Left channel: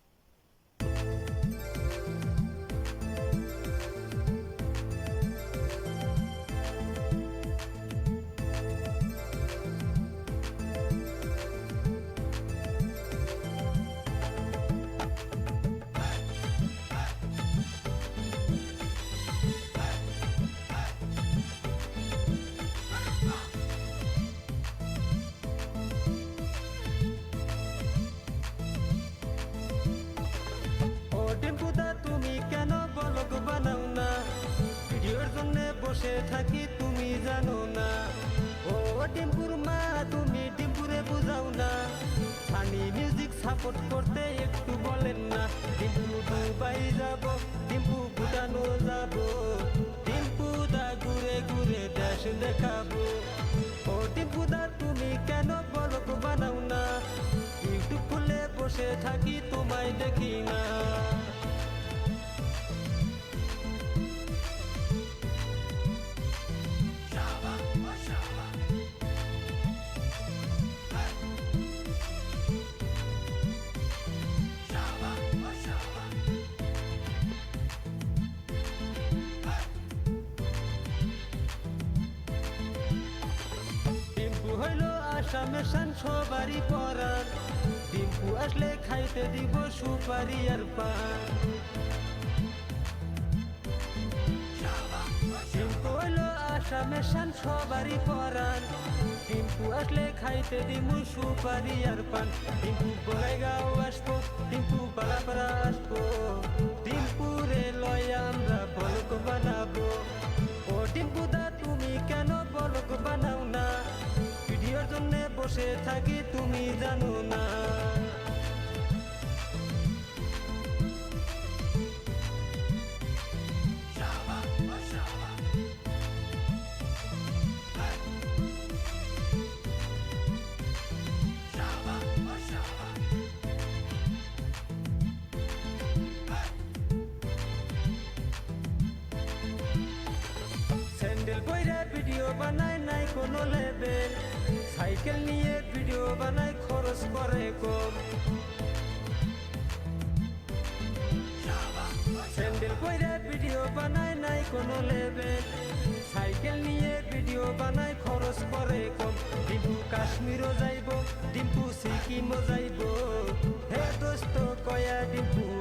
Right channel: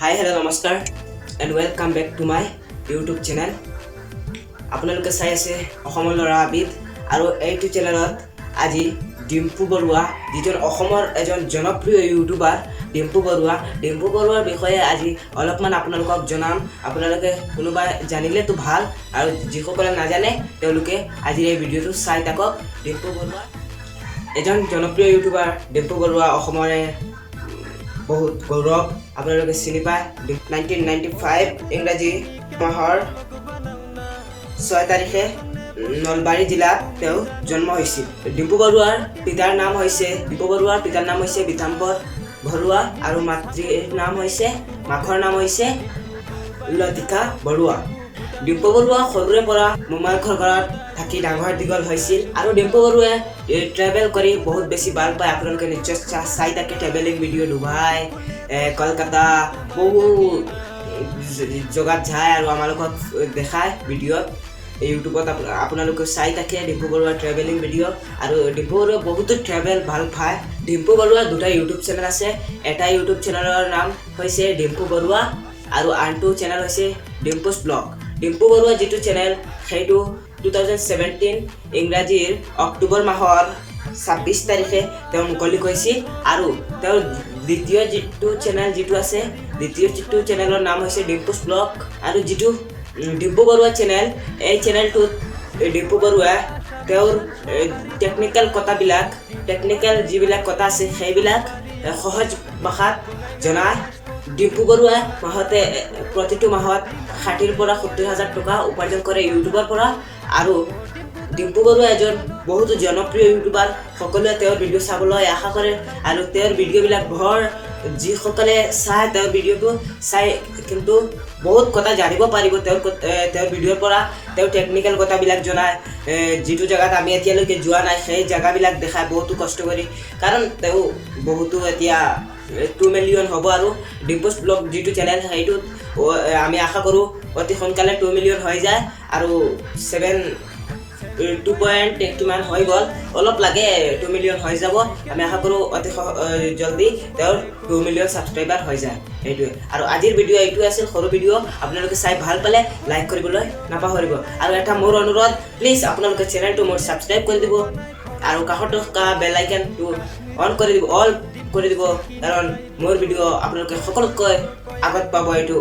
Hi, hello, namaskar, and welcome back to my YouTube channel. আপোনালোকে চাই আছে অসমৰ ল'ৰা আবিদ আৰু এইটো চেনেলত আজি ডিম্পু বৰুৱা যিজন অসমৰ এজন জনপ্ৰিয় ইউটিউবাৰ ডিম্পু বৰুৱাৰ বিষয়ে আজি অলপমান আপোনালোকক জনাম। আপোনালোকে কোনোবা জানিলেতো ভাল আৰু যিসকলে নাজানে তেওঁলোকে আজি এই ভিডিঅ'টো চাই থাকক। ডিম্পু বৰুৱা এজন জনপ্ৰিয় ইউটিউবাৰ। ডিম্পু বৰুৱা অসমৰে বহুত গৌৰৱ। আপোনালোকে চিনি পায়। 1995 ইংৰাজী মাহৰ 6 তাৰিখে নলবাৰী জিলাত তেওঁ জন্ম হৈছিল। ডিম্পু বৰুৱাৰ পিতাৰ নাম হৈছে বিতাম্বৰ বৰুৱা আৰু মাতৃৰ নাম হৈছে লতিকা বৰুৱা। ডিম্পু বৰুৱা সৰুৰে পৰা মোমায়েকৰ ঘৰত থাকি ডাঙৰ দীঘল হৈছিল আৰু ডিম্পু বৰুৱাই ট্ৰেভেল কৰি বহুত বেছি ভাল পায়। আপোনালোকে নিশ্চয় চাই থাকে ট্ৰেভেলিং ভিডিঅ' ডুবাই, কলকাতা বহু জেগাত যায় আৰু আমালোকক দেখায় ভিডিঅ'ত। ইউটিউবত আপোনালোকে চাই থাকে ডিম্পু বৰুৱাৰ ট্ৰেভেলিং ভিডিঅ' আৰু ডিম্পু বৰুৱা বহুতো ট্ৰেভেল ভাল পায়। ডিম্পু বৰুৱাৰ দুটা ইউটিউব চেনেল আছে। এটা ইউটিউব চেনেলৰ নাম হৈছে ডিম্পু বৰুৱা আৰু আনটো চেনেল হৈছে ডিম্পুছ ব্লগ। ডিম্পু বৰুৱা যিটো চেনেল সেইটো 2017 ইংৰাজীৰ অক্টোবৰ মাহৰ 26 তাৰিখে তেওঁ মুকলি কৰিছিল আৰু তেওঁৰ দ্বিতীয় যিটো চেনেলৰ নাম হৈছে ডিম্পুছ ব্লগ। আৰু যিটো ডিম্পু বৰুৱা চেনেল, এই চেনেলটোত ডিম্পু বৰুৱাই তেওঁৰ টেকনিকেল যিবিলাক কথা আছে সেইবিলাক সহজ ভাষাত জনায়। ডিম্পু বৰুৱাই প্ৰতিটো মাহত 60,000 পৰা 70,000 টকা উপাৰ্জন কৰে ইউটিউবৰ পৰা। আৰু ডিম্পু বৰুৱা এজন বহুতো জনপ্ৰিয় ইউটিউবাৰ। সকলোৱে তেওঁৰ ভিডিঅ' চাবলৈ আশা কৰে আৰু তেওঁৰ ভিডিঅ'বিলাক যিসকলে চায় তেওঁৰ ভিডিঅ'টো চাই কিন্তু বহুত কথা জানিব পাৰিব তেওঁৰ ভিডিঅ'ৰ পৰা। তেওঁ টেকনিকেল কথাবিলাক জনায়, যিটো জেগাত আমি এতিয়ালৈকে যোৱা নাই সেই জেগাবিলাক দেখায় বহুতো কষ্ট কৰি। কাৰণ তেওঁ বহুতো এতিয়া 2 মিলিয়ন হ'ব আৰু ডিম্পুছ ব্লগ যিটো চেনেল সেইটোত আমি আশা কৰোঁ অতি সোনকালে 2 মিলিয়ন হৈ যায় আৰু 2 কিমান হৈ গ'ল, অলপ লাগে 2 মিলিয়ন হৈ যাব। আমি আশা কৰোঁ অতি জলদি তেওঁৰ 2 মিলিয়ন ছাবস্ক্ৰাইবাৰ হৈ যায়। সেইটোৱে। আৰু আজিৰ ভিডিঅ' এইটোৱে আছিল, সৰু ভিডিঅ'। আপোনালোকে চাই ভাল পালে লাইক কৰিবলৈ নাপাহৰিব। আৰু এটা মোৰ অনুৰোধ, প্লিজ আপোনালোকে চেনেলটো মোৰ ছাবস্ক্ৰাইব কৰি দিব আৰু কাষত থকা বেল আইকনটো অল কৰি দিব কাৰণ মোৰ ভিডিঅ' আপোনালোকে সকলোতকৈ আগত পাব। এইটো